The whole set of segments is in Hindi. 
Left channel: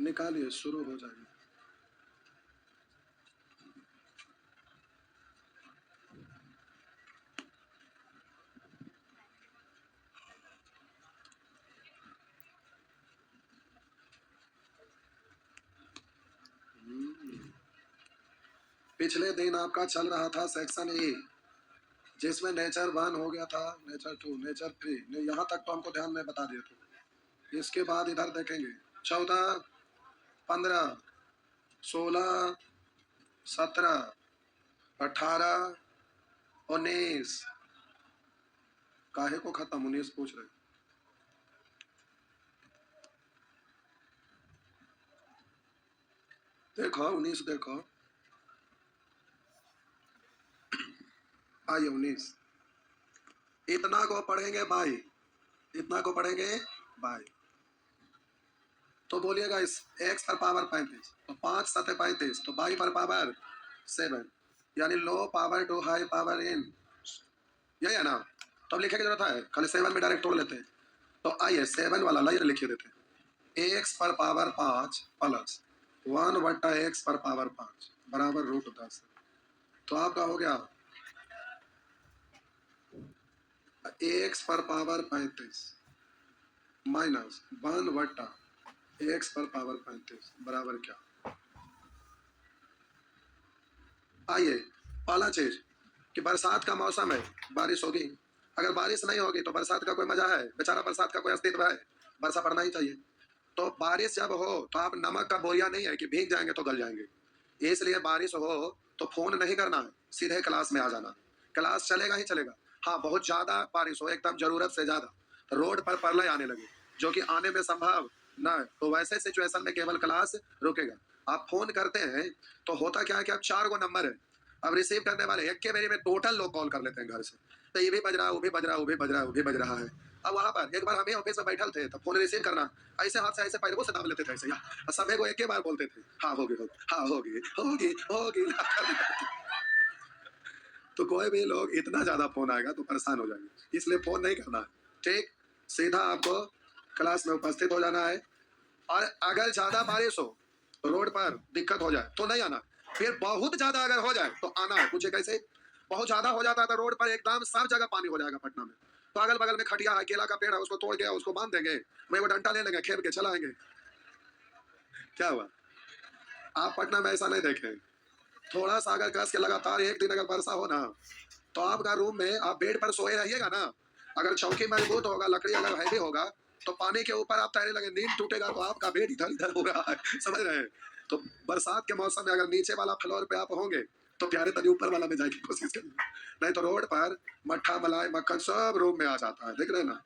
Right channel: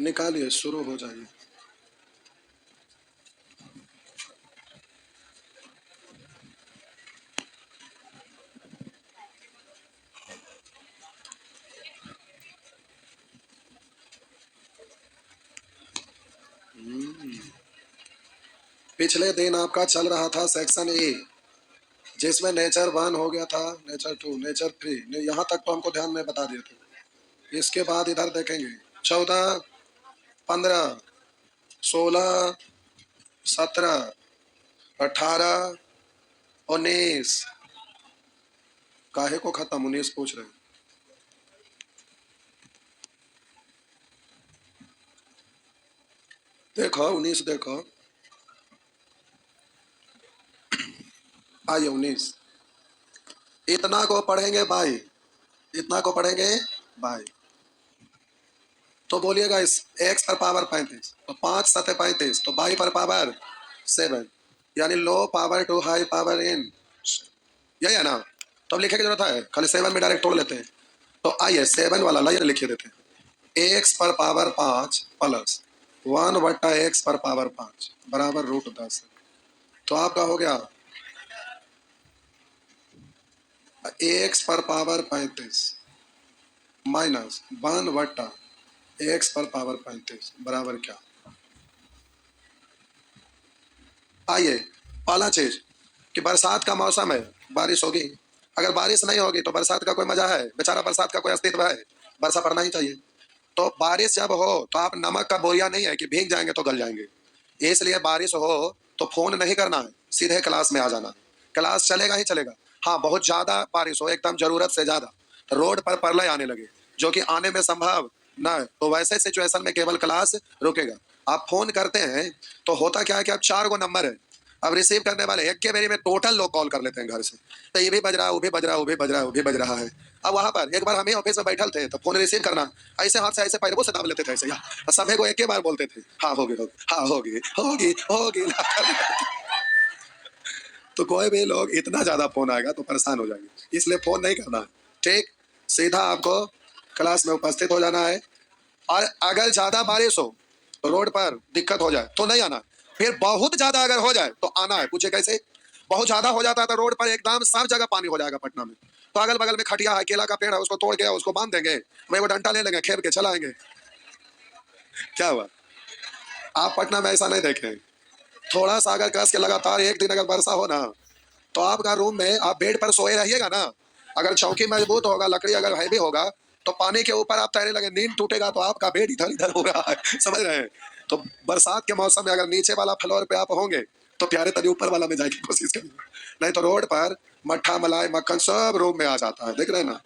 निकालिए, शुरू हो जाइए। पिछले दिन आपका चल रहा था सेक्शन ए, जिसमें नेचर 1 हो गया था, नेचर 2, नेचर 3, यहाँ तक तो हमको ध्यान में बता दिए थे। इसके बाद इधर देखेंगे 14, 15, 16, 17, 18, 19। काहे को खत्म 19 पूछ रहे हैं? देखो 19 देखो, आइए 19। इतना को पढ़ेंगे बाई, इतना को पढ़ेंगे बाई। तो बोलिएगा इस x पर पावर 35, तो 5 7 35, तो बाई पर पावर 7, यानी low power to high power in, यही है ना। तो अब लिखे की जरूरत है, खाली 7 में डायरेक्ट तोड़ लेते हैं। तो आइए 7 वाला लाइए लिखे देते हैं। x पर पावर 5 प्लस 1/x पर पावर 5 बराबर √10। तो आपका हो गया x पर पावर 35 माइनस 1/x पर पावर 35 बराबर क्या। आइए पहला चीज कि बरसात का मौसम है, बारिश होगी। अगर बारिश नहीं होगी तो बरसात का कोई मजा है? बेचारा बरसात का कोई अस्तित्व है? वर्षा पड़ना ही चाहिए। तो बारिश जब हो तो आप नमक का बोरिया नहीं है कि भीग जाएंगे तो गल जाएंगे। इसलिए बारिश हो तो फोन नहीं करना है, सीधे क्लास में आ जाना। क्लास चलेगा ही चलेगा। हाँ, बहुत ज्यादा बारिश हो, एकदम जरूरत से ज्यादा, तो रोड पर प्रलय आने लगे, जो कि आने में संभव न है, तो वैसे सिचुएशन में केवल क्लास रुकेगा। आप फोन करते हैं तो होता क्या है कि अब 4 गो नंबर है, अब रिसीव करने वाले एक के बारी में टोटल लोग कॉल कर लेते हैं घर से, तो ये भी बज रहा है, वो भी बज रहा है, वो भी बज रहा है, वो भी बज रहा है। अब वहां पर एक बार हम ही ऑफिस में बैठल थे तो फोन रिसीव करना, ऐसे हाथ से ऐसे पैरों से दाब लेते थे, ऐसे यार सभी को एक ही बार बोलते थे, हाँ होगी होगी, हाँ होगी होगी होगी। तो कोई भी लोग इतना ज्यादा फोन आएगा तो परेशान हो जाएंगे, इसलिए फोन नहीं करना है। ठीक, सीधा आपको क्लास में उपस्थित हो जाना है। और अगर ज्यादा बारिश हो तो रोड पर दिक्कत हो जाए तो नहीं आना, फिर बहुत ज्यादा अगर हो जाए तो आना है। पूछे कैसे? बहुत ज्यादा हो जाता है तो रोड पर एकदम सब जगह पानी हो जाएगा पटना में, तो अगल बगल में खटिया है, केला का पेड़ है, उसको तोड़ के उसको बांध देंगे, वही वो डंडा ले लेंगे, खेप के चलाएंगे। क्या हुआ? आप पटना में ऐसा नहीं देखे। थोड़ा सा अगर कस के लगातार एक दिन अगर वर्षा हो ना, तो आपका रूम में आप बेड पर सोए रहिएगा ना, अगर चौकी मजबूत होगा, लकड़ी अगर हैवी होगा, तो पानी के ऊपर आप तैरने लगे, नींद टूटेगा तो आपका बेड इधर इधर हो रहा है, समझ रहे हैं। तो बरसात के मौसम में अगर नीचे वाला फ्लोर पे आप होंगे तो प्यारे तनी ऊपर वाला में जाने की कोशिश करिए, नहीं तो रोड पर मट्ठा मलाई मक्खन सब रूम में आ जाता है, देख रहे हैं ना,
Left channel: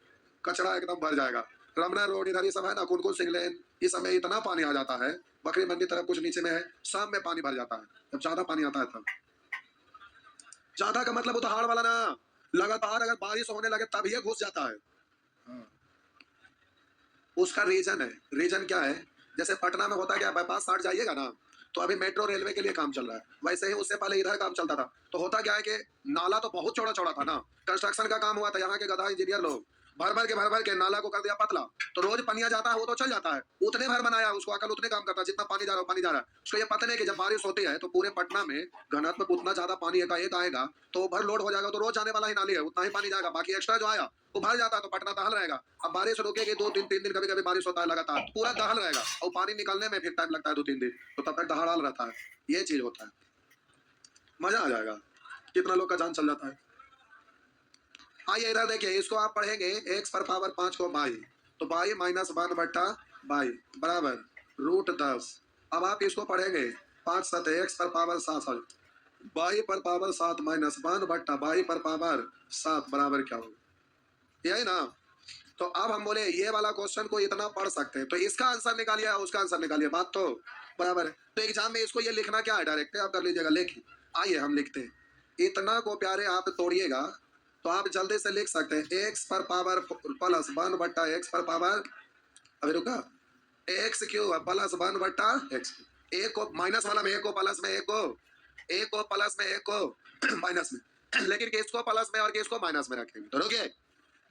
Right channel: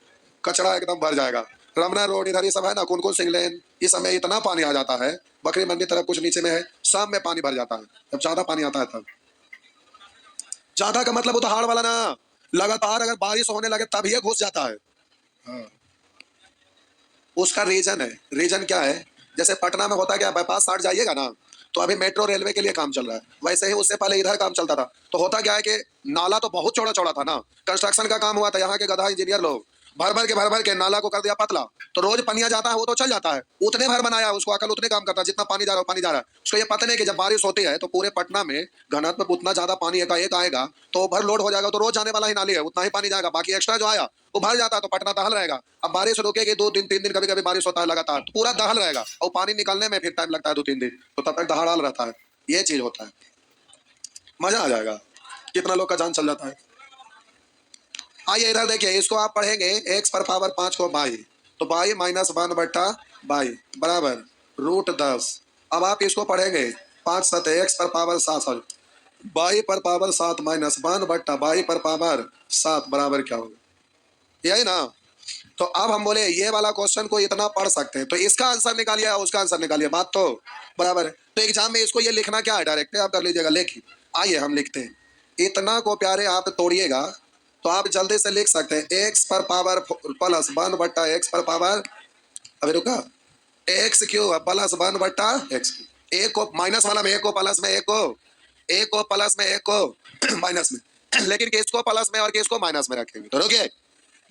कचरा एकदम भर जाएगा। रमना रोड इधर ये सब है ना, कुनकुन सिंह लेन, इस समय इतना पानी आ जाता है, बकरी मंडी तरफ कुछ नीचे में है, सब में पानी भर जाता है जब ज्यादा पानी आता है तब। ज्यादा का मतलब उतार वाला ना, लगातार अगर बारिश होने लगे तब ये घुस जाता है। हाँ। उसका रीजन है, रीजन क्या है, जैसे पटना में होता है, क्या बाईपास 60 जाइएगा ना, तो अभी मेट्रो रेलवे के लिए काम चल रहा है, वैसे ही उससे पहले इधर काम चलता था। तो होता क्या है कि नाला तो बहुत चौड़ा चौड़ा था ना, कंस्ट्रक्शन का काम हुआ था, यहाँ के गधा इंजीनियर लोग भर भर के नाला को कर दिया पतला, तो रोज पनिया जाता है वो तो चल जाता है, उतने भर बनाया, उसको अकल उतने काम करता है जितना पानी जा रहा है, पानी जा रहा है। उसको ये पता नहीं कि जब बारिश होती है तो पूरे पटना में घनत्व में उतना ज्यादा पानी एक आएगा तो ओवरलोड हो जाएगा, तो रोज जाने वाला ही नाली है, उतना ही पानी जाएगा, बाकी एक्स्ट्रा जो आया वो भर जाता है, तो पटना दहल रहेगा। अब बारिश रुकेगी 2 दिन 3 दिन, कभी कभी बारिश होता है लगातार, तो पूरा दहल रहेगा और पानी निकलने में फिर टाइम लगता है 2 3 दिन, तो तब तक दहाड़ रहता है। ये चीज होता है, मजा आ जाएगा, कितना लोग का जान चल जाता है। आइए इधर देखिए, इसको आप पढ़ेंगे x पर पावर 5 को बाई, तो बाई माइनस 1/बाई बराबर √10। अब आप इसको पढ़ेंगे 5 7 x पर पावर 7, बाई पर पावर 7 माइनस 1/बाई पर पावर 7 बराबर क्या होगा, यही ना। तो अब हम बोले ये वाला क्वेश्चन को इतना पढ़ सकते हैं, तो इसका आंसर निकालिए या उसका आंसर निकालिए, बात तो बराबर है। तो एग्जाम में इसको ये लिखना क्या है, डायरेक्ट आप कर लीजिएगा, लेखिए। आइए हम लिखते हैं, इतना को प्यारे आप तोड़िएगा तो आप जल्दी से लिख सकते हैं x पर पावर प्लस 1/x पर पावर, अभी रुका, एक्स क्यू प्लस 1/x, एक को माइनस वाला में एक को प्लस में, एक को प्लस में एक को माइनस में, लेकिन किसको प्लस में और किसको माइनस में रखेंगे, तो रुकिए,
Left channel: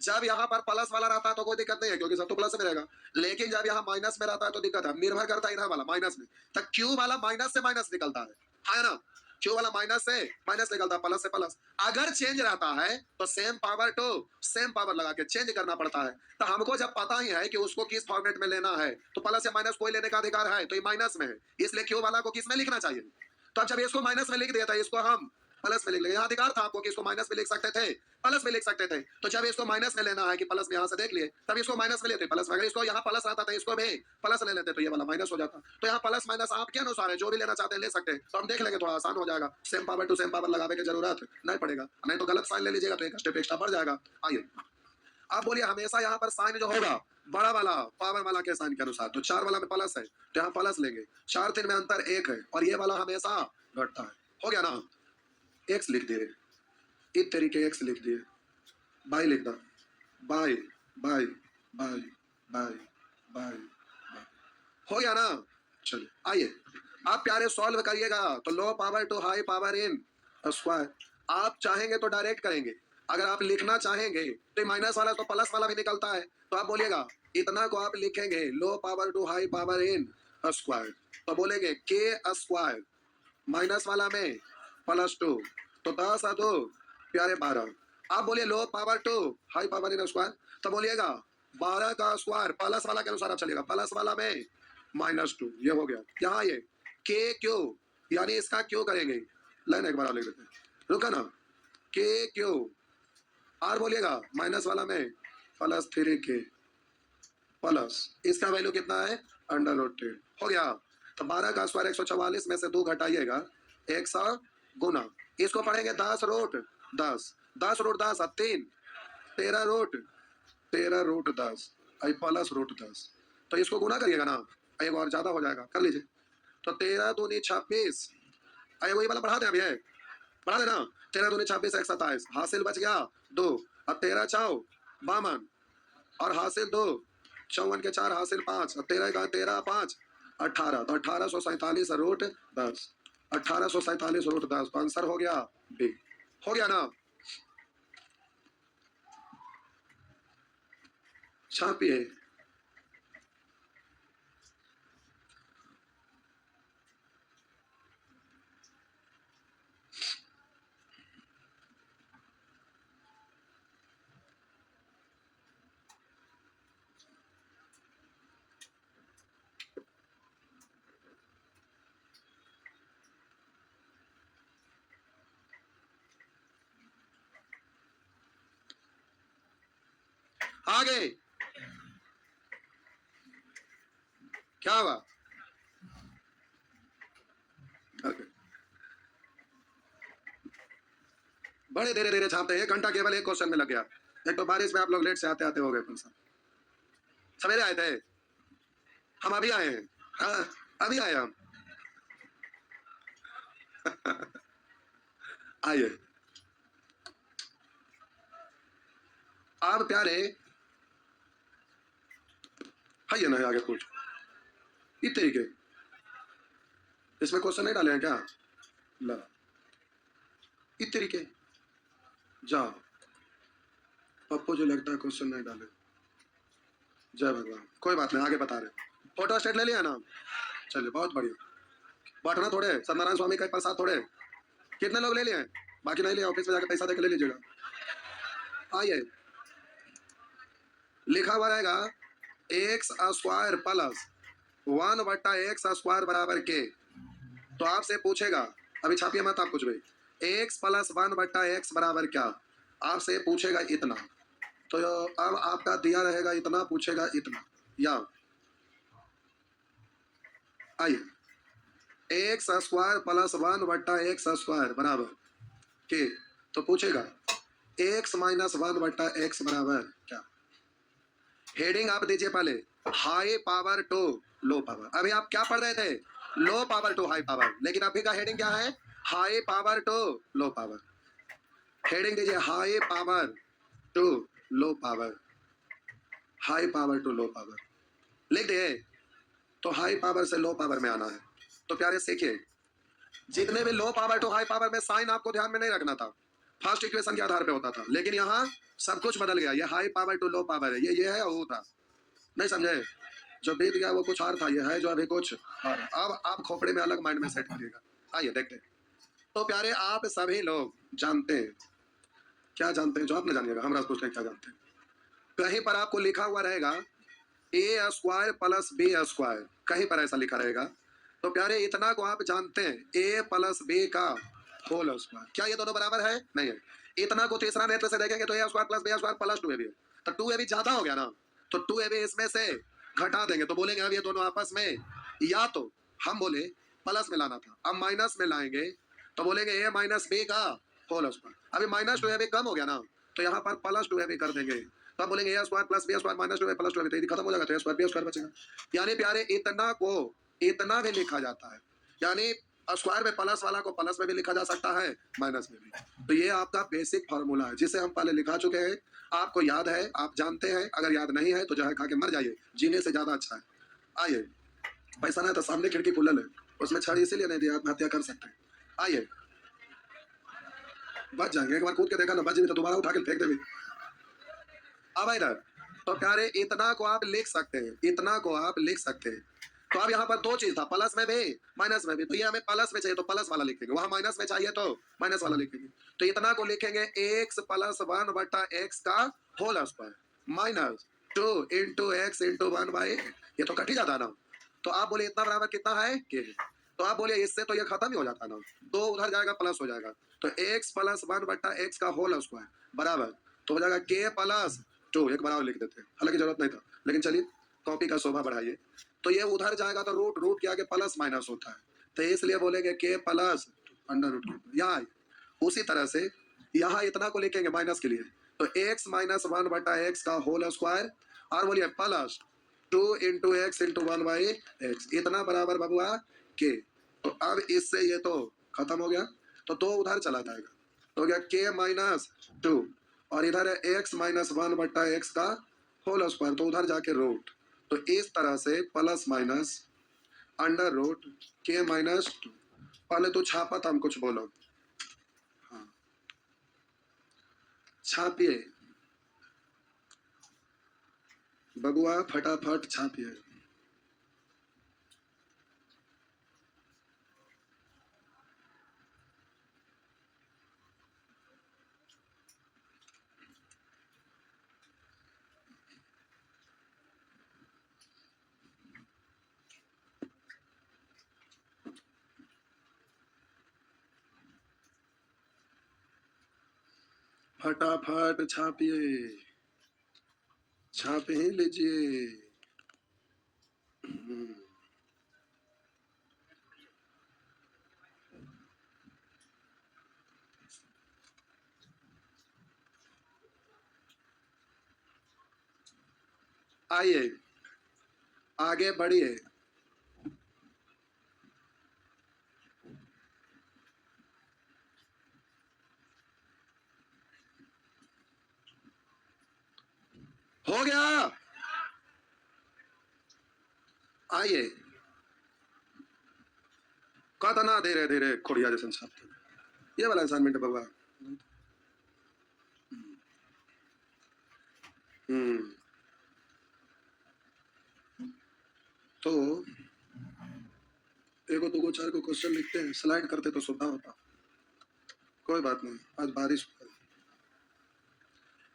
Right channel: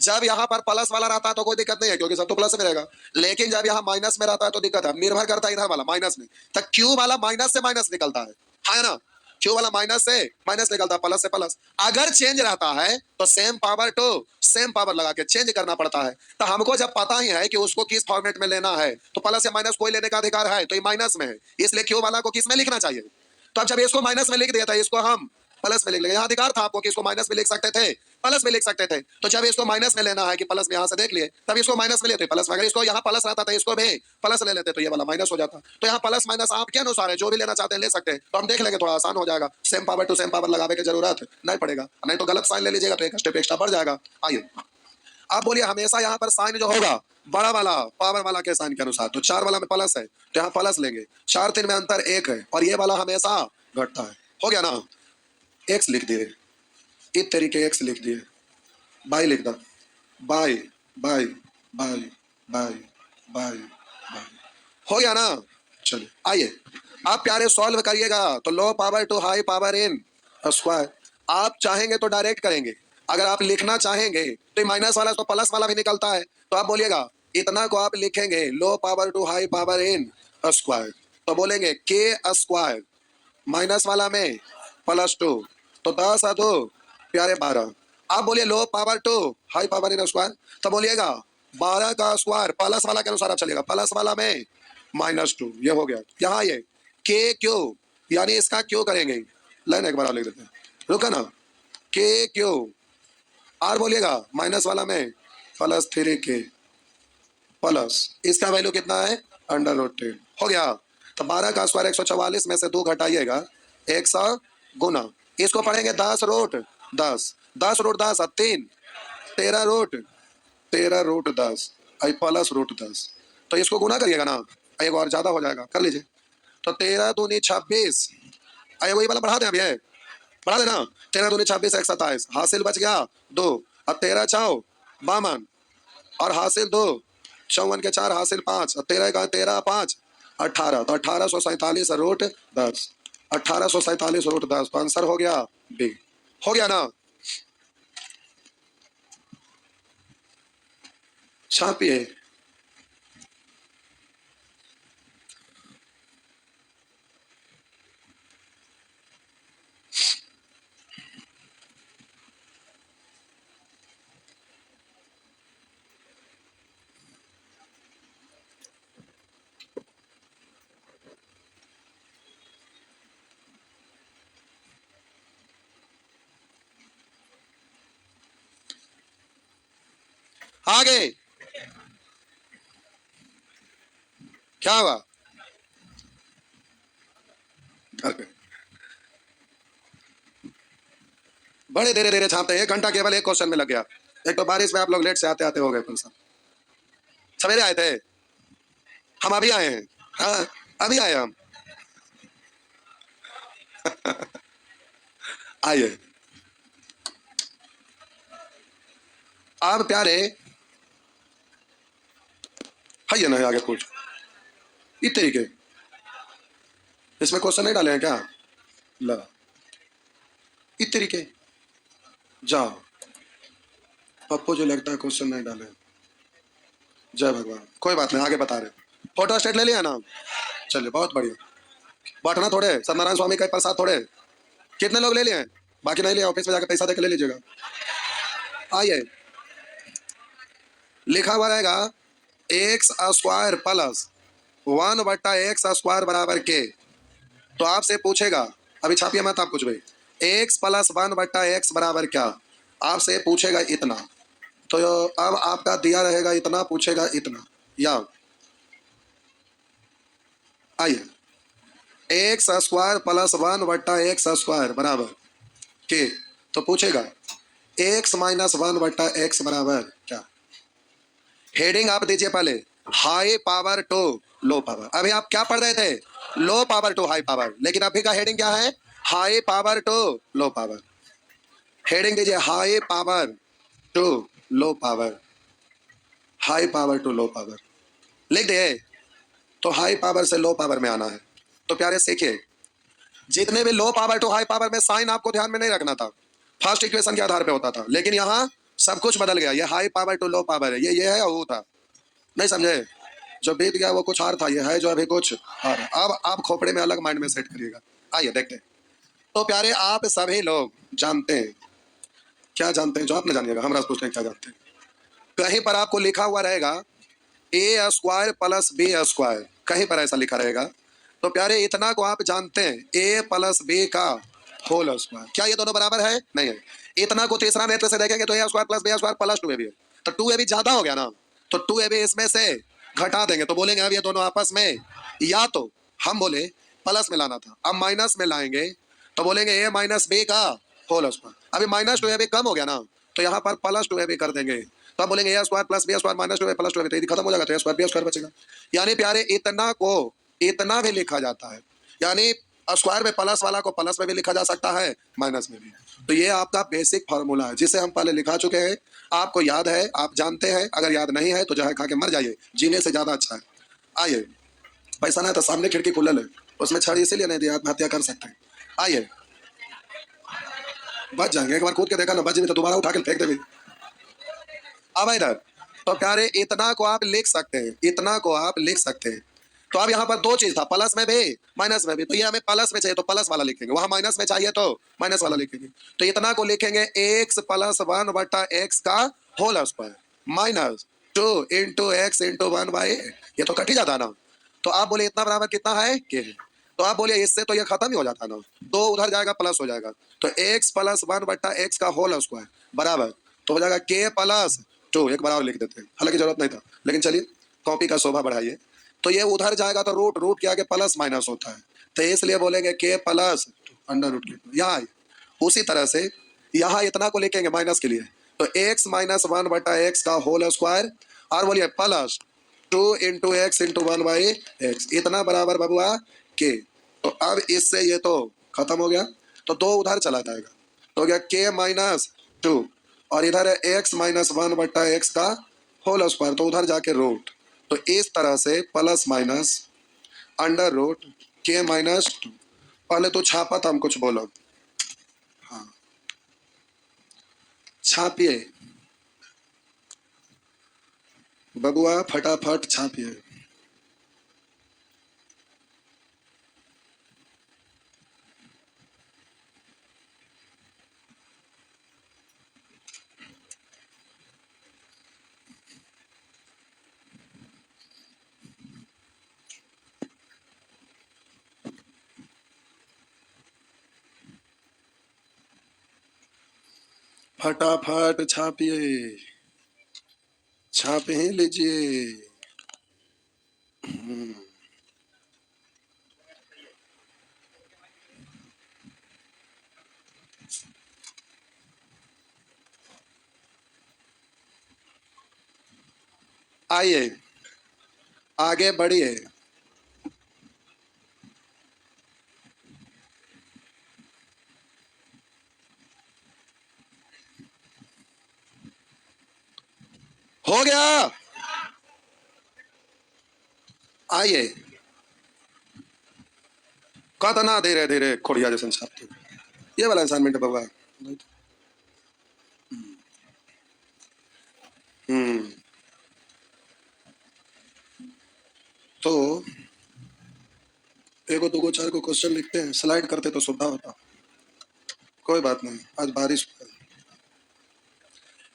जब यहाँ पर प्लस वाला रहता है तो कोई दिक्कत नहीं है क्योंकि सब तो प्लस में रहेगा, लेकिन जब यहाँ माइनस में रहता है तो दिक्कत है, निर्भर करता है इधर वाला माइनस में, तो क्यू वाला माइनस से माइनस निकलता है ना, क्यू वाला माइनस से माइनस निकलता है, प्लस से प्लस। अगर चेंज रहता है तो same power to same power लगा के चेंज करना पड़ता है। तो हमको जब पता ही है कि उसको किस फॉर्मेट में लेना है तो प्लस या माइनस कोई लेने का अधिकार है, तो ये माइनस में है, इसलिए क्यू वाला को किस में लिखना चाहिए। तो अब जब इसको माइनस में लिख दिया था, इसको हम प्लस में लिख लेंगे। यहाँ अधिकार था आपको कि इसको माइनस में लिख सकते थे, प्लस में लिख सकते थे। तो जब इसको माइनस में लेना है कि प्लस में यहाँ से देख लिए, तब इसको माइनस में लेते प्लस में। अगर इसको यहाँ प्लस रहता था, इसको भी प्लस ले लेते तो ये वाला माइनस हो जाता। तो यहाँ प्लस माइनस आपके अनुसार है, जो भी लेना चाहते हैं ले सकते हैं। तो हम देख लेंगे, थोड़ा आसान हो जाएगा, same power to same power लगाने की जरूरत नहीं पड़ेगा, नहीं तो गलत साइन ले लीजिएगा तो एक स्टेप एक्स्ट्रा बढ़ जाएगा। आइए आप बोलिए, हमेशा यहाँ पर साइन जो होगा बड़ा वाला पावर वाला के साइन के अनुसार, तो 4 वाला में प्लस है तो यहाँ प्लस लेंगे, 4 3 में अंतर 1 है, और ये वाला हमेशा घटता है। हो गया ना, एक्स लिख दिए, इस तरीके एक्स लिख दिए, बाई लिख दो, by by by by by by, हो गया ना। चलिए आइए आप प्यारे सॉल्व करिएगा। तो low power to high power in square, आप चाहेंगे तो डायरेक्ट करेंगे, अगर आप लिखना चाहेंगे तो माइनस वाला तो प्लस वाला भी निकलता है, तो आप बोलिएगा इतना को आप लिखेंगे low power to high power in square, तो बोलेंगे के स्क्वायर माइनस वाला में प्लस 2, तो 10 है 2 प्यारे 12। आप बोलिए low power to high power in square, तो बोलिएगा 12 का स्क्वायर प्लस वाला के अनुसार आप चलेगा, प्लस वाला में -2, ये हो गया। यहाँ ये के क्यू, यानी इसका क्यू करेंगे, लाइन एक बार आप लिख देते हैं, रुका ना, के क्यू आर बोलिएगा माइनस वाला में +3 के प्लस इसका वैल्यू कितना है √10, हो गया। तो 12 का स्क्वायर 144 में से 2 घटाइएगा 100 गुना, इसको पढ़ेंगे 10√10, 10√10 3, 13√10 प्लस √10, तो इसको गुना करिएगा ना, एक और ज्यादा हो जाएगा, कर लीजिए। तो 13 दूनी 26, अरे वही वाला बढ़ा दे, अभी है बढ़ा देना, 13 दूनी 26 1 27, हासिल बच गया 2, अब 13 4 52 और हासिल 2, 54 के 4 हासिल 5, और 13 का 13 5 18, तो 1847√10, 1847√10, तो आंसर हो गया बी। हो गया ना, छापिए। आगे क्या हुआ, बड़े धीरे धीरे छापते हैं, 1 घंटा केवल एक क्वेश्चन में लग गया। एक तो बारिश में आप लोग लेट से आते आते हो गए, कौन सा सवेरे आए थे, हम अभी आए हैं, हाँ अभी आए हम। आइए आप प्यारे, है ना आगे कुछ इस तरीके, इसमें क्वेश्चन नहीं डाले हैं क्या, ला इस तरीके जाओ, पप्पू जो लगता है क्वेश्चन नहीं डाले, जय भगवान, कोई बात नहीं, आगे बता रहे। फोटो स्टेट ले लिया ना, चलिए बहुत बढ़िया, बांटना थोड़े, सत्यनारायण स्वामी का प्रसाद थोड़े, कितने लोग ले लिए हैं, बाकी नहीं लिया, ऑफिस में जाकर पैसा देकर ले लीजिएगा। आइए लिखा हुआ रहेगा एक्स स्क्वायर प्लस 1/x² बराबर के, तो आपसे पूछेगा, अभी छापिए मत आप कुछ भी, x प्लस 1/x बराबर क्या, आपसे पूछेगा इतना, तो अब आपका दिया रहेगा इतना, पूछेगा इतना, या आइए एक्स स्क्वायर प्लस 1/x² बराबर के, तो पूछेगा x माइनस 1/x बराबर क्या। हेडिंग आप दीजिए पहले high power to low power, अभी आप क्या पढ़ रहे थे, low power to high power, लेकिन अभी का हेडिंग क्या है, high power to low power. Heading दीजिए high power to low power, high power to low power लिख दिए, तो हाई पावर से लो पावर में आना है। तो प्यारे सीखिए, जितने भी low power to high power में साइन आपको ध्यान में नहीं रखना था, फर्स्ट इक्वेशन के आधार पे होता था, लेकिन यहाँ सब कुछ बदल गया। ये high power to low power है, ये है वो था, नहीं समझे? जो बीत गया वो कुछ और था, ये है जो अभी कुछ और है। अब आप खोपड़े में अलग माइंड में सेट करिएगा। आइए देखते हैं। तो प्यारे आप सभी लोग जानते हैं, क्या जानते हैं जो आप नहीं जानिएगा, हमरा से पूछते हैं क्या जानते हैं। कहीं पर आपको लिखा हुआ रहेगा ए स्क्वायर प्लस बी स्क्वायर, कहीं पर ऐसा लिखा रहेगा। तो प्यारे इतना को आप जानते हैं ए प्लस बी का होल स्क्वायर, क्या ये दोनों बराबर है? नहीं है। इतना को तीसरा नेत्र से देखेंगे तो A square plus B square plus two A B है, तो टू ए बी ज्यादा हो गया ना, तो टू ए बी इसमें से घटा देंगे तो बोलेंगे अब ये दोनों आपस में, या तो हम बोले प्लस में लाना था, अब माइनस में लाएंगे तो बोलेंगे ए माइनस बी का होल स्क्वायर। अभी माइनस टू ए बी कम हो गया ना, तो यहाँ पर प्लस टू ए बी कर देंगे, तो आप बोलेंगे A square plus B square minus two A plus two A, तो ये खत्म हो जाएगा, तो ए स्क्वायर बी स्क्वायर बचेगा। यानी प्यारे इतना को इतना भी लिखा जाता है, यानी स्क्वायर में प्लस वाला को प्लस में भी लिखा जा सकता है, माइनस में भी। तो ये आपका बेसिक फॉर्मूला है जिसे हम पहले लिखा चुके हैं, आपको याद है, आप जानते हैं। अगर याद नहीं है तो जहर खा के मर जाइए, जीने से ज्यादा अच्छा है। आइए, पैसा नहीं तो सामने खिड़की खुलल है, उसमें छड़ इसीलिए नहीं दिया, आत्महत्या कर सकते हैं। आइए, बच जाएंगे, एक बार कूद के देखा ना, बच भी तो दोबारा उठा के फेंक देंगे। अब इधर तो प्यारे इतना को आप लिख सकते हैं, इतना को आप लिख सकते हैं। तो अब यहाँ पर दो चीज था, प्लस में भी माइनस में भी, तो ये हमें प्लस में चाहिए तो प्लस वाला लिखेंगे, वहां माइनस में चाहिए तो माइनस वाला लिखेंगे। तो इतना को लिखेंगे एक्स प्लस वन बटा एक्स का whole square minus two into x into one by, ये तो कट ही जाता ना। तो आप बोले इतना बराबर कितना है के, तो आप बोलिए इससे तो ये खत्म ही हो जाता ना, दो उधर जाएगा प्लस हो जाएगा, तो एक्स प्लस वन बटा एक्स का होल स्क्वायर बराबर तो हो जाएगा के प्लस टू, एक बार और लिख देते हैं, हालांकि जरूरत नहीं था, लेकिन चलिए कॉपी का शोभा बढ़ाइए। तो ये उधर जाएगा तो रूट रूट के आगे प्लस माइनस होता है, तो इसलिए बोलेंगे के प्लस अंडर रूट के। यहाँ उसी तरह से यहाँ इतना को लिखेंगे माइनस के लिए, तो एक्स माइनस वन बटा एक्स का होल स्क्वायर, और बोलिए plus two into x into one by x, इतना बराबर बबुआ के। तो अब इससे ये तो खत्म हो गया, तो दो उधर चला जाएगा, तो हो गया के माइनस टू, और इधर है एक्स माइनस वन बटा एक्स का होल स्क्वायर, तो उधर जाके रूट। तो इस तरह से प्लस माइनस अंडर रूट के माइनस टू। पहले तो छापा था, हम कुछ बोलो, हाँ छापिए बबुआ, फटाफट छापिए। फटाफट छापिए, छाप ही लीजिए। आइए आगे बढ़िए। हो गया, आइए कतना धीरे धीरे खोड़िया जैसे छापते, ये वाला असाइनमेंट है बबुआ। हम्म, तो एगो दो चार को क्वेश्चन लिखते हैं, स्लाइड करते तो सुविधा होता। कोई बात नहीं, आज बारिश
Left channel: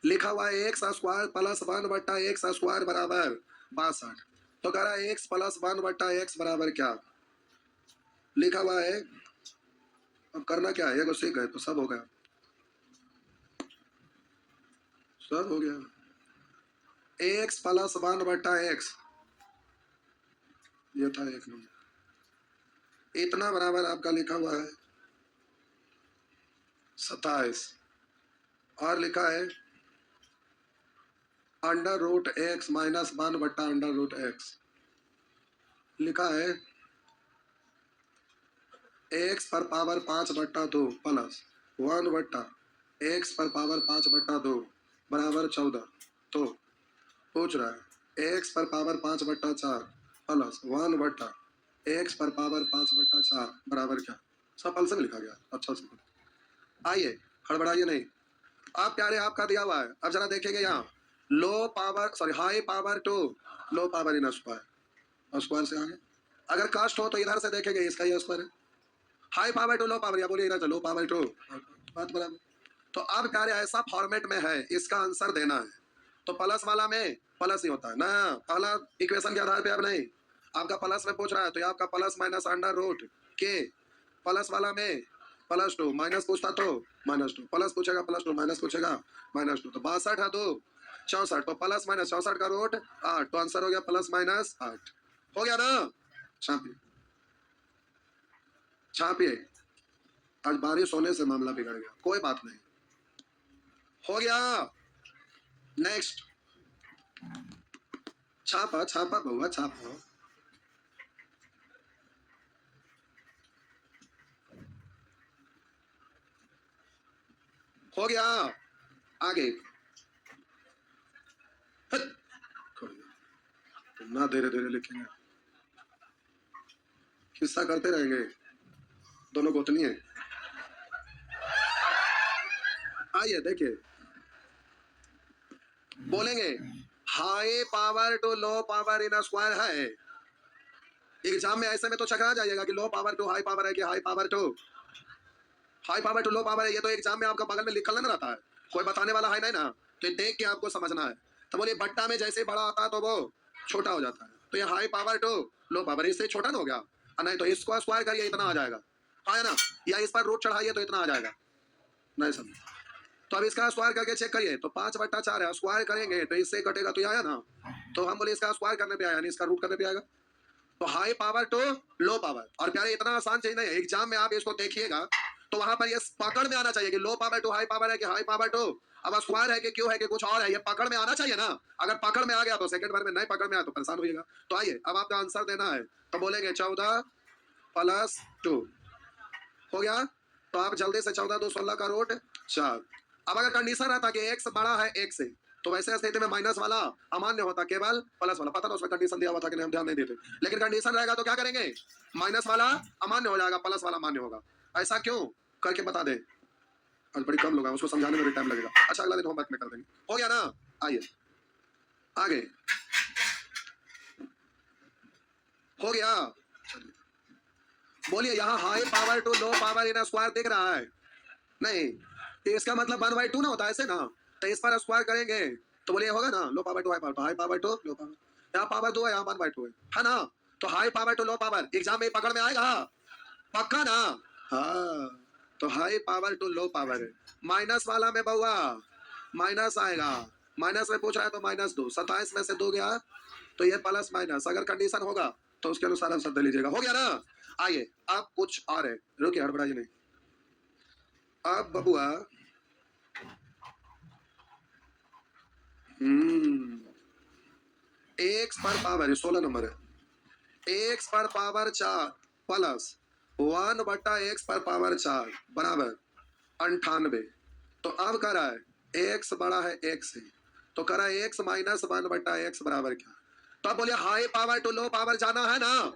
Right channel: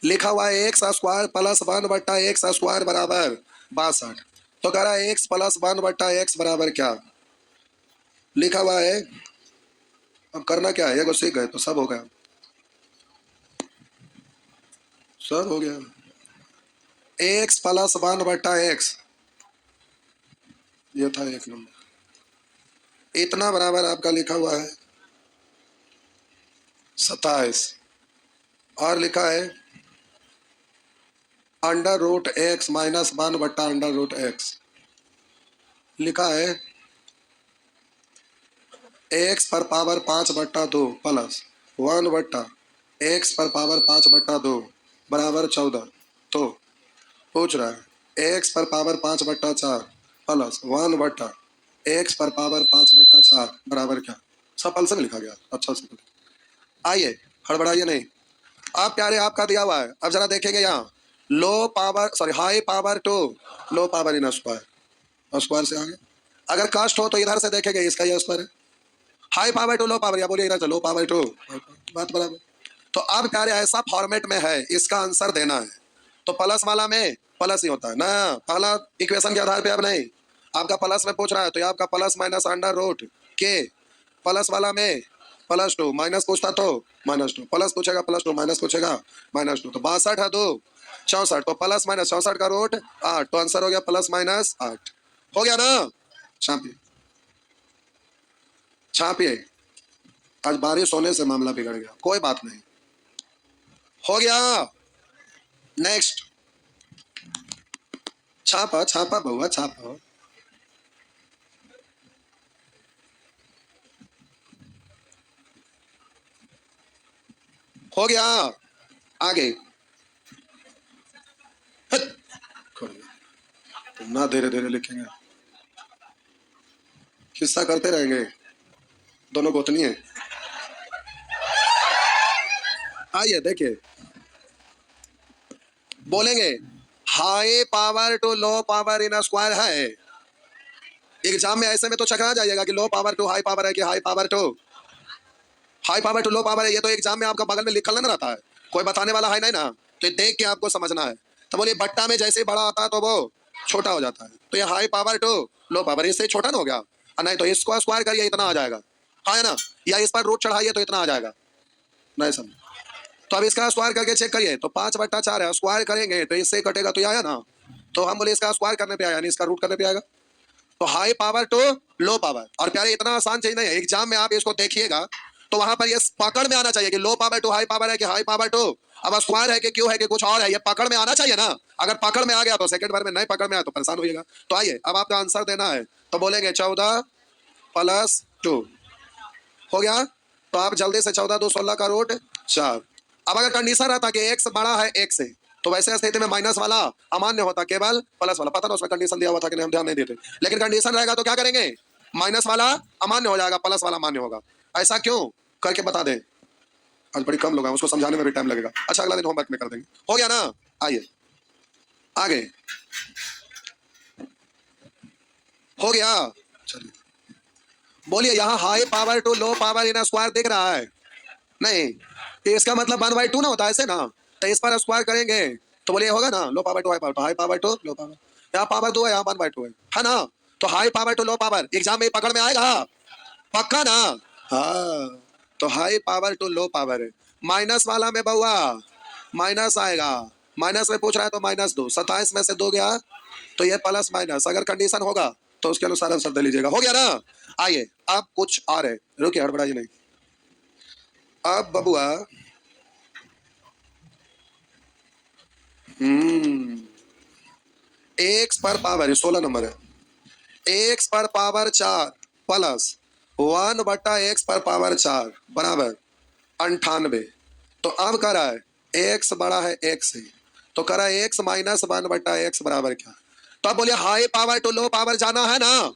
लिखा हुआ है एक्स स्क्वायर प्लस वन बट्टा एक्स स्क्वायर बराबर 62। तो कह रहा है एक्स प्लस वन बट्टा एक्स बराबर क्या लिखा हुआ है। अब करना क्या है, एगो सीख गए तो सब हो गया, सब हो गया। एक्स प्लस वन बट्टा एक्स, ये था एक नंबर, इतना बराबर आपका लिखा हुआ है 27, और लिखा है under root x minus one बट्टा अंडर रूट एक्स, लिखा है एक्स पर पावर 5/2 प्लस वन बट्टा एक्स पर पावर 5/2 बराबर 14। तो पूछ रहा है एक्स पर पावर 5/4 प्लस वन बट्टा एक्स पर पावर 5/4 बराबर क्या। सफल से लिखा गया, अच्छा से आइए हड़बड़ाइए नहीं। अब प्यारे आपका दिया हुआ है, अब जरा देखेंगे यहाँ low power sorry high power to low power in square, square से आगे अगर कास्ट हो तो इधर से देखेंगे इसका ये स्क्वायर है, high power to low power, या बोलिए इधर से लो पावर टू, बात बराबर। तो अब प्यारे ऐसा फॉर्मेट में है, इसका आंसर देना है तो प्लस वाला में प्लस ही होता है ना, पहला इक्वेशन के आधार पे। अब नहीं आपका प्लस में पूछ रहा है तो ये आपका प्लस माइनस अंडर रूट के, प्लस वाला में प्लस टू, माइनस पूछता तो माइनस टू, प्लस पूछेगा प्लस टू, माइनस पूछेगा माइनस टू, तो 62 है 2 64, तो प्लस माइनस 64 का रूट 8, तो आंसर हो गया प्लस माइनस 8। हो गया ना, छापिए छापिए। आज बारिश होने से मामला बिगड़ गया, कोई बात नहीं, हो गया। नेक्स्ट छापा छापा बहुआ छापा, हो गया। आगे ना धीरे धीरे लिखेंगे, किस्सा करते रहेंगे, दोनों गोतनी है। आइए देखिए, बोलेंगे high power to low power in square है। एग्जाम में ऐसे में तो चकरा जाइएगा कि low power to high power है कि high power to low power है, ये तो एग्जाम में आपका बगल में लिखल ना रहता है, कोई बताने वाला है नहीं ना, तो देख के आपको समझना है। तो बोलिए बट्टा में जैसे बड़ा आता है तो वो छोटा हो जाता है, तो ये high power to low power इससे छोटा ना हो गया, नहीं तो इसको स्क्वायर करिए इतना आ जाएगा, हाँ ना, या इस पर रूट चढ़ाइए तो इतना आ जाएगा, नहीं समझ। तो अब इसका स्क्वायर करके चेक करिए, तो 5/4 है, स्क्वायर करेंगे तो इससे कटेगा तो ये आया ना, तो हम बोले इसका स्क्वायर करने पे आया नहीं इसका रूट करने पे आएगा, तो high power to low power. और प्यारे इतना आसान चीज नहीं है, एग्जाम में आप इसको देखिएगा तो वहां पर ये पकड़ में आना चाहिए कि low power to high power है कि हाई पावर टू अब स्क्वायर है कि क्यों है कि कुछ और है, ये पकड़ में आना चाहिए ना। अगर पकड़ में आ गया तो सेकंड बार में नहीं पकड़ में आया तो परेशान होइएगा। तो आइए अब आपका आंसर देना है, तो बोलेंगे 14+2 हो गया, तो आप जल्दी से 14 2 16 का रूट 4। अब अगर कंडीशन रहता कि एक्स बड़ा है एक से तो वैसे स्थिति में माइनस वाला अमान्य होता, केवल प्लस वाला, पता ना उसमें कंडीशन दिया हुआ था कि नहीं, हम ध्यान नहीं देते, लेकिन कंडीशन रहेगा तो क्या करेंगे, माइनस वाला अमान्य हो जाएगा, प्लस वाला मान्य होगा। ऐसा क्यों करके बता दें, आज बड़ी कम लोग हैं, उसको समझाने में भी टाइम लगेगा, अच्छा अगला दिन होमवर्क में कर देंगे, हो गया ना। आइए आगे, हो गया, चलिए बोलिए यहाँ high power to low power in square दिख रहा है नहीं, तो इसका मतलब 1/2 ना होता है ऐसे ना, तो इस पर स्क्वायर करेंगे तो बोलिए होगा ना low power to high power, तो high power to low power, यहाँ पावर 2 है यहाँ 1/2 है ना, तो high power to low power exam में पकड़ में आएगा, पक्का ना। हाँ, तो high power to low power है, माइनस वाला में बउआ माइनस आएगा, माइनस में पूछ रहा है तो -2, 27 में से 2 गया तो ये प्लस माइनस, अगर कंडीशन होगा तो उसके अनुसार आंसर दे लीजिएगा, हो गया ना। आइए अब कुछ और है, रुकिए हड़बड़ाइए नहीं। अब बबुआ एक्स पर पावर 16 नंबर है, एक्स पर पावर 4 प्लस 1/x पर पावर 4 बराबर 98। तो अब कह रहा है एक्स बड़ा है एक्स से, तो कह रहा है एक्स माइनस 1/x बराबर क्या, तो अब बोलिए high power to low power जाना है ना,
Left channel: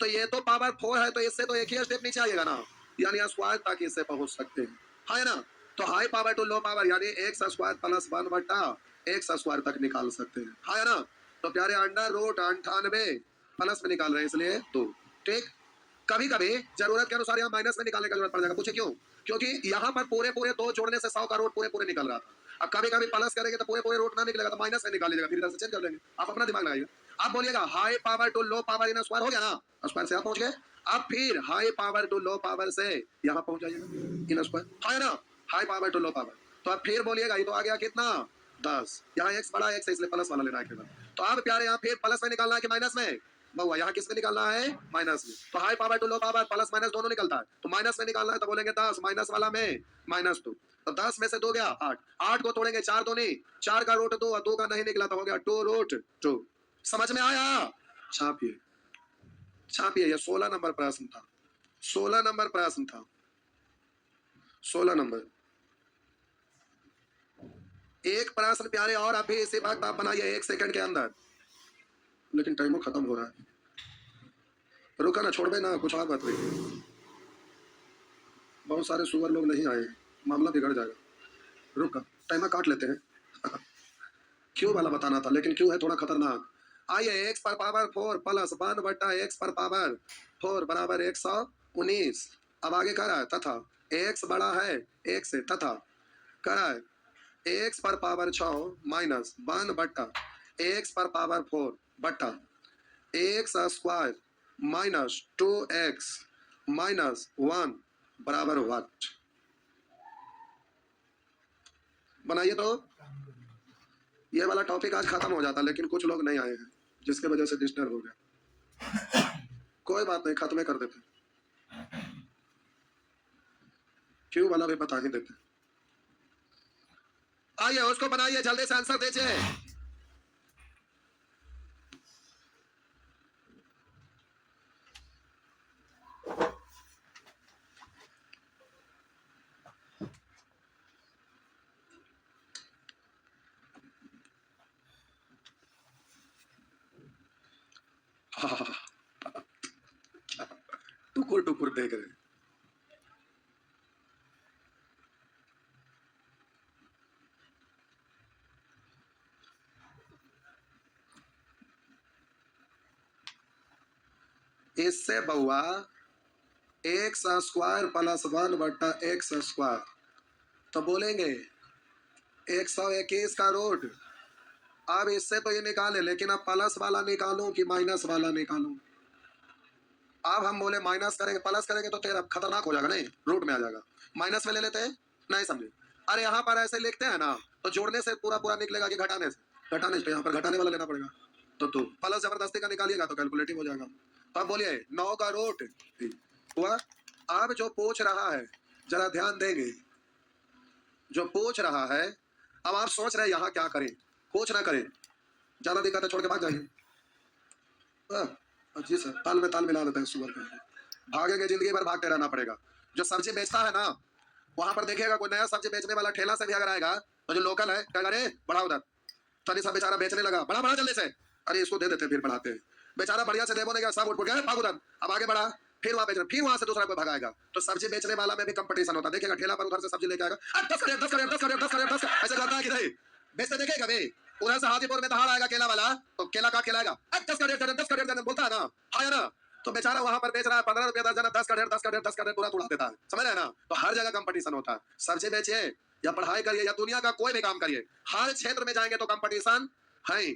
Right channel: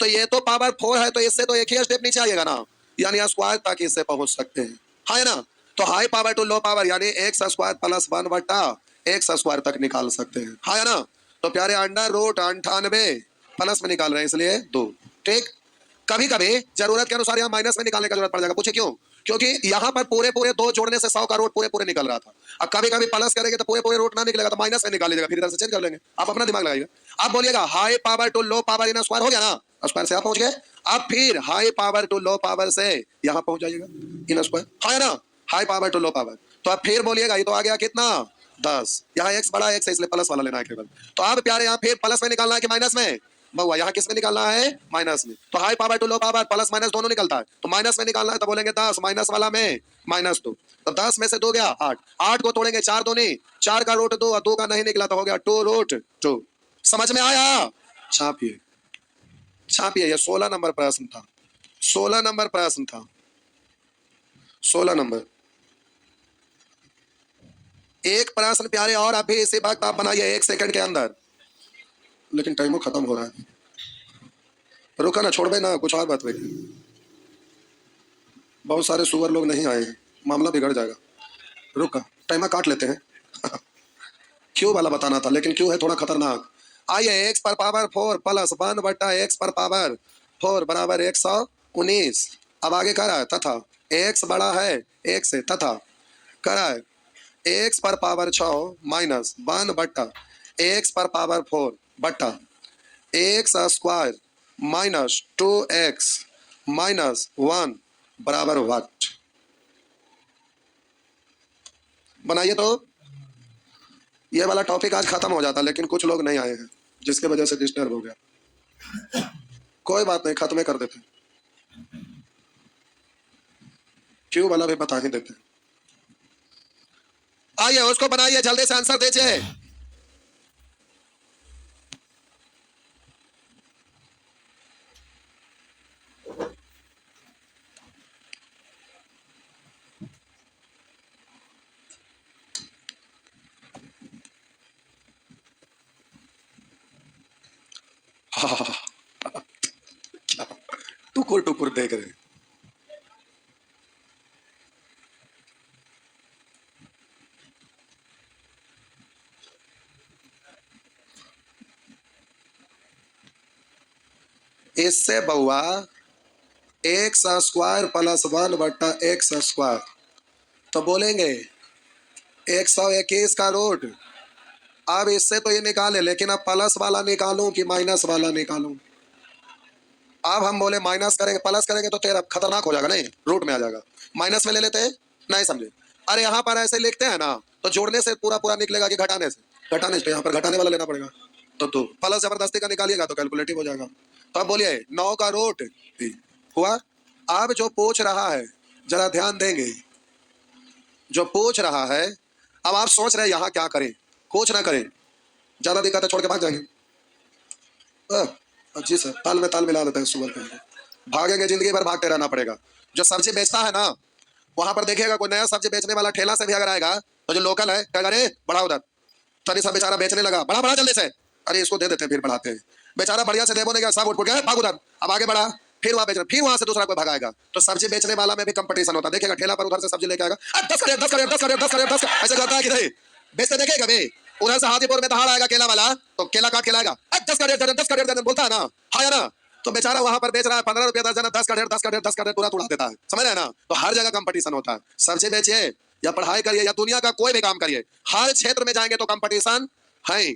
तो ये तो पावर 4 है तो इससे तो एक ही स्टेप नीचे आइएगा ना, यानी स्क्वायर तक इससे पहुंच सकते हैं, है ना। तो high power to low power यानी x square plus 1/x square तक निकाल सकते हैं, है ना। तो प्यारे अंडर रूट 98 प्लस में निकाल रहे हैं इसलिए 2, ठीक। कभी कभी जरूरत के अनुसार यहाँ माइनस में निकालने का जरूरत पड़ जाएगा, पूछे क्यों, क्योंकि यहाँ पर पूरे पूरे 2 जोड़ने से 100 का रूट पूरे पूरे निकल रहा था, अब कभी कभी प्लस करेंगे तो पूरे पूरे रूट ना निकलेगा तो माइनस में निकाल लीजिएगा, फिर इधर से चेंज कर लेंगे, आप अपना दिमाग लगाइएगा। आप बोलिएगा high power to low power in square हो गया ना, स्क्वायर से आप पहुंच गए, अब फिर high power to low power से यहाँ पहुंच जाइएगा इन स्क्वायर, है ना, high power to low power. तो आप फिर बोलिएगा ये तो आ गया कितना 10, यहाँ एक्स बड़ा एक्स है इसलिए प्लस वाला लेना है केवल, तो अब प्यारे यहाँ फिर प्लस में निकालना है कि माइनस में, बहुआ यहाँ किस में निकालना है माइनस में, तो high power to low power plus minus दोनों निकलता है, तो माइनस में निकालना है तो बोलेंगे 10 माइनस वाला में -2, तो 10 में से 2 गया 8, 8 को तोड़ेंगे 4 दूनी 4 का रूट 2 और 2 का नहीं निकला तो हो गया 2√2। समझ में आया, छापिए छापिए, ये 16 नंबर प्रश्न था, 16 नंबर प्रश्न था, 16 नंबर। एक प्रश्न प्यारे और अभी इसी वक्त आप बनाइए 1 सेकंड के अंदर, लेकिन टाइम खत्म हो रहा है, रुका ना छोड़ दे ना, कुछ और बात हुई, बहुत सारे सुअर लोग नहीं आए, मामला बिगड़ जाएगा, रुका। टाइमर काट लेते हैं। क्यू वाला बताना था, लेकिन क्यू है थोड़ा खतरनाक। आइए, एक्स पर पावर 4 प्लस 1 बटा एक्स पर पावर 4 बराबर 119। अब आगे कह रहा है तथा एक्स बड़ा है एक से, तथा कह रहा है एक्स पर पावर 6 माइनस 1 बटा एक्स पर पावर 4 बटा x square minus 2x minus 1 बराबर व्हाट। बनाइए तो। ये वाला टॉपिक आज खत्म हो जाता, लेकिन कुछ लोग नहीं आए हैं जिसके वजह से डिस्टर्ब हो गया। कोई बात नहीं, खत्म कर देते। क्यों वाला भी बता ही देते। आइए उसको बनाइए, जल्दी से आंसर दीजिए। टुकुर टुकुर देख रहे। इससे बउआ एक्स स्क्वायर प्लस 1 बटा एक्स स्क्वायर, तो बोलेंगे 121 का रूट। अब इससे तो ये निकाले, लेकिन अब प्लस वाला निकालूं कि माइनस वाला निकालूं। अब हम बोले माइनस करेंगे, प्लस करेंगे तो तेरा खतरनाक हो जाएगा, नहीं रूट में आ जाएगा। माइनस में ले लेते हैं, नहीं समझे। अरे यहाँ पर ऐसे लिखते हैं ना, तो जोड़ने से पूरा पूरा निकलेगा कि घटाने से। घटाने से, यहाँ पर घटाने वाला लेना पड़ेगा। तो प्लस जबरदस्ती का निकालिएगा तो कैलकुलेटिव हो जाएगा। तो अब बोलिए 9 का रूट हुआ। अब जो पूछ रहा है जरा ध्यान देंगे, जो पूछ रहा है, अब आप सोच रहे हैं यहाँ क्या करें, कुछ ना करें, ज्यादा दिक्कत है छोड़ के भाग जाएंगे। जी सर, ताल में ताल मिला देते हैं सुबह पहले। भागेंगे, जिंदगी भर भागते रहना पड़ेगा। जो सब्जी बेचता है ना, वहां पर देखिएगा कोई नया सब्जी बेचने वाला ठेला से भी अगर आएगा, तो जो लोकल है क्या करे, बढ़ा उधर। तभी सब बेचारा बेचने लगा, बड़ा बड़ा जल्दी से। अरे इसको दे देते हैं, फिर बढ़ाते हैं। बेचारा बढ़िया से देवो नहीं गया, सब उठ गया, भाग उधर। अब आगे बढ़ा, फिर वहां बेचना, फिर वहां से दूसरा कोई भगाएगा। तो सब्जी बेचने वाला में भी कंपटीशन होता है। देखिएगा ठेला पर उधर से सब्जी लेके आएगा, 10 करें 10 करें 10 करें 10 करें 10, ऐसे करता है कि नहीं बेचते देखेगा कभी। उधर से हाजीपुर में दहाड़ आएगा केला वाला, तो केला काट के लाएगा, 10 करें 10 करें बोलता है ना, हाँ ना। तो बेचारा वहां पर बेच रहा है 15 रुपया दर्जन, 10 करें पूरा उड़ा देता है, समझ रहे ना। तो हर जगह कंपटीशन होता है। सब्जी बेचिए या पढ़ाई करिए या दुनिया का कोई भी काम करिए, हर क्षेत्र में जाएंगे तो कंपटीशन है।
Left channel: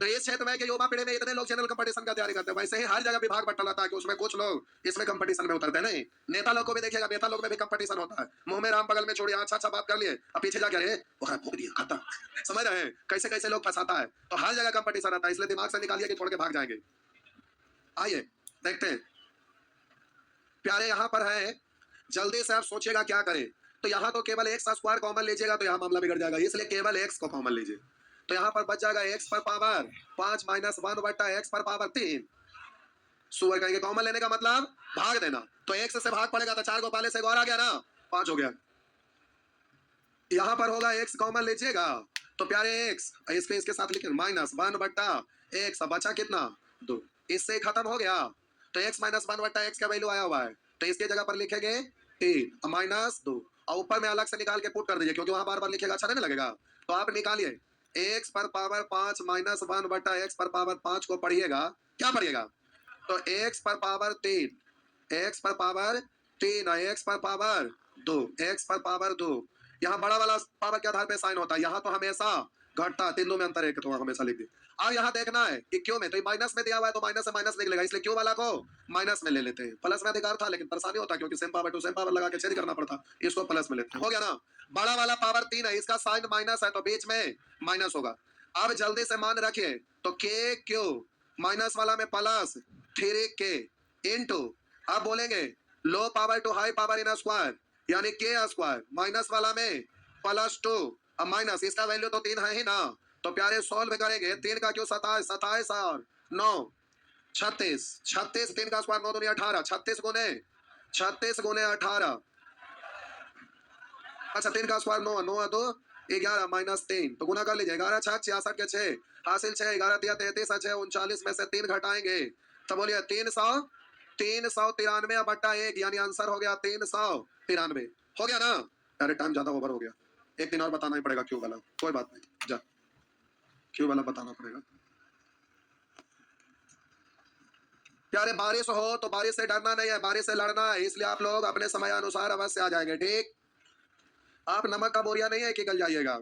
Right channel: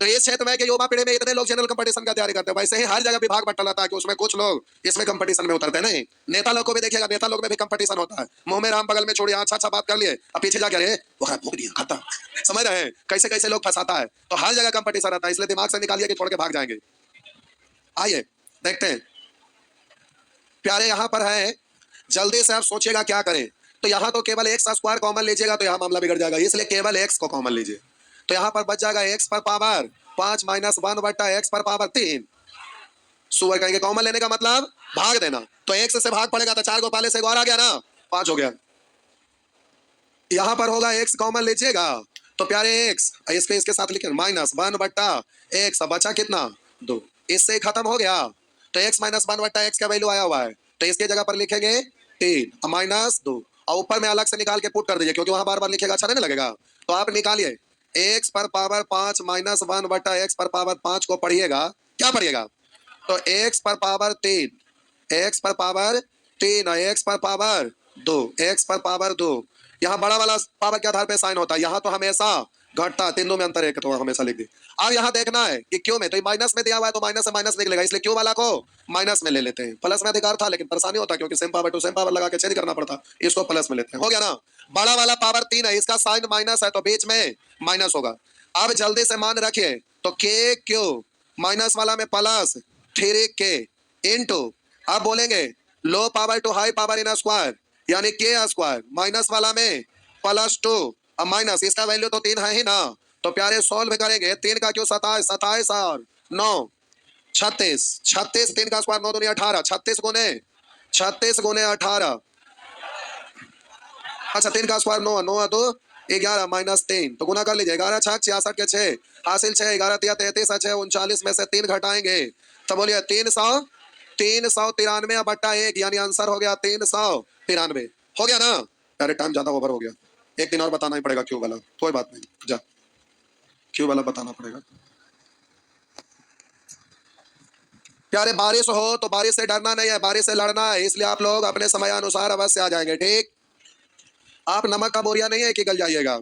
तो इस क्षेत्र में के युवा पीढ़ी में इतने लोग जनरल कंपटीशन का तैयारी करते हैं, वैसे ही हर जगह विभाग बंटा रहता है कि उसमें कुछ लोग इसमें कंपटीशन में उतरते हैं। नहीं, नेता लोग को भी देखिएगा, नेता लोग में भी कंपटीशन होता है। मुंह में राम बगल में छोड़िए, अच्छा अच्छा बात कर लिए, अब पीछे जाके अरे वो भूख दिया खाता, समझ रहे हैं कैसे कैसे लोग फंसाता है। तो हर जगह कंपटीशन रहता है, इसलिए दिमाग से निकालिए कि छोड़ के भाग जाएंगे। आइए देखते हैं प्यारे, यहाँ पर है, जल्दी से आप सोचिएगा क्या करें। तो यहाँ तो केवल एक्स स्क्वायर कॉमन लीजिएगा तो यहाँ मामला बिगड़ जाएगा, इसलिए केवल एक्स को कॉमन लीजिए। तो यहाँ पर बच जाएगा एक्स पर पावर 5 माइनस 1 बटा एक्स पर पावर 3। सुअर कहेंगे कॉमन लेने का मतलब भाग देना, तो एक्स से भाग पड़ेगा तो 4 को पहले से 1 आ गया ना, 5 हो गया। यहाँ पर होगा एक्स कॉमन लीजिएगा, तो प्यारे एक्स इसके इसके साथ लिखे माइनस 1 बटा एक्स, बचा कितना 2, इससे खत्म हो गया। तो एक्स माइनस 1 बटा एक्स का वैल्यू आया हुआ है, तो इसकी जगह पर लिखेंगे 3 माइनस 2, और ऊपर में अलग से निकाल के पुट कर दीजिए, क्योंकि वहां बार बार लिखेगा अच्छा नहीं लगेगा। तो आप निकालिए एक्स पर पावर 5 माइनस 1 बटा एक्स पर पावर 5 को पढ़िएगा, क्या पढ़िएगा, तो एक्स पर पावर 3, एक्स पर पावर 3 और एक्स पर पावर 2, एक्स पर पावर 2। यहाँ बड़ा वाला पावर के आधार पे साइन होता है, यहाँ तो हमेशा घटता, तीनों में अंतर है, तो हमेशा लिख दी। अब यहाँ देखना है कि क्यों में, तो माइनस में दिया हुआ है तो माइनस से माइनस निकलेगा, इसलिए क्यों वाला को माइनस में ले लेते हैं। प्लस में अधिकार था लेकिन परेशानी होता क्योंकि same power to same power लगा के चेंज करना पड़ता, इसको प्लस में लेते हैं। हो गया ना, बड़ा वाला पावर 3 है, इसका साइन माइनस है तो बीच में माइनस होगा। अब जल्दी से मान रखिए, तो के क्यू माइनस वाला में प्लस 3k इंटू, आप बोलेंगे low power to high power in square, यानी के स्क्वायर माइनस वाला में +2, अब माइनस इसका वैल्यू तो 3 है ही ना। तो प्यारे सॉल्व करेंगे, 3 का क्यों 27, 27 और 9 36, 36 3 का स्क्वायर 9 दूनी 18, 36 गुने 18, अच्छा 3 का स्क्वायर 9, 9 2 11 माइनस 3, तो गुना कर लीजिए, 11 6 66 के 6 हासिल 6, 11 3 33 6 39 में से 3 घटाएंगे तो बोलिए 393 बटा 1, यानी आंसर हो गया 393। हो गया ना, अरे टाइम ज्यादा ओवर हो गया, एक दिन और बताना ही पड़ेगा क्यों वाला, कोई बात नहीं, जा क्यों वाला बताना पड़ेगा। प्यारे बारिश हो तो बारिश से डरना नहीं है, बारिश से लड़ना है, इसलिए आप लोग अपने समय अनुसार अवश्य आ जाएंगे, ठीक। आप नमक का बोरिया नहीं है कि गल जाइएगा,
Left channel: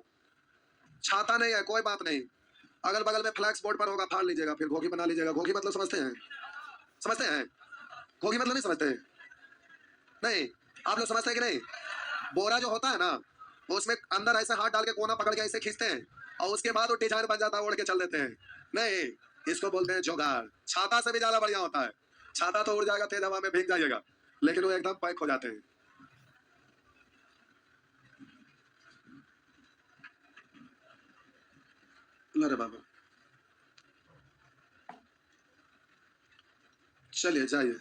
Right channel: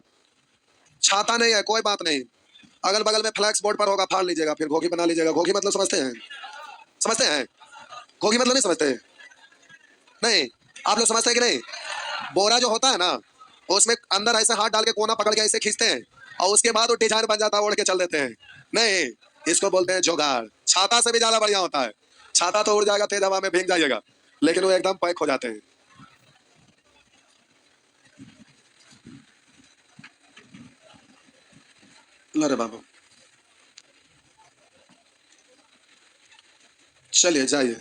छाता नहीं है कोई बात नहीं, अगल बगल में फ्लैक्स बोर्ड पर होगा, फाड़ लीजिएगा, फिर घोगी बना लीजिएगा। घोगी मतलब समझते हैं, समझते हैं, घोगी मतलब नहीं समझते, नहीं आप लोग समझते हैं कि नहीं। बोरा जो होता है ना, उसमें अंदर ऐसे हाथ डाल के कोना पकड़ के ऐसे खींचते हैं और उसके बाद वो डिजाइन बन जाता है, उड़ के चल देते हैं, नहीं इसको बोलते हैं जुगाड़। छाता से भी ज्यादा बढ़िया होता है, छाता तो उड़ जाएगा, तेज हवा में भीग जाइएगा, लेकिन वो एकदम पैक हो जाते हैं। अरे बाबू चलिए जाइए।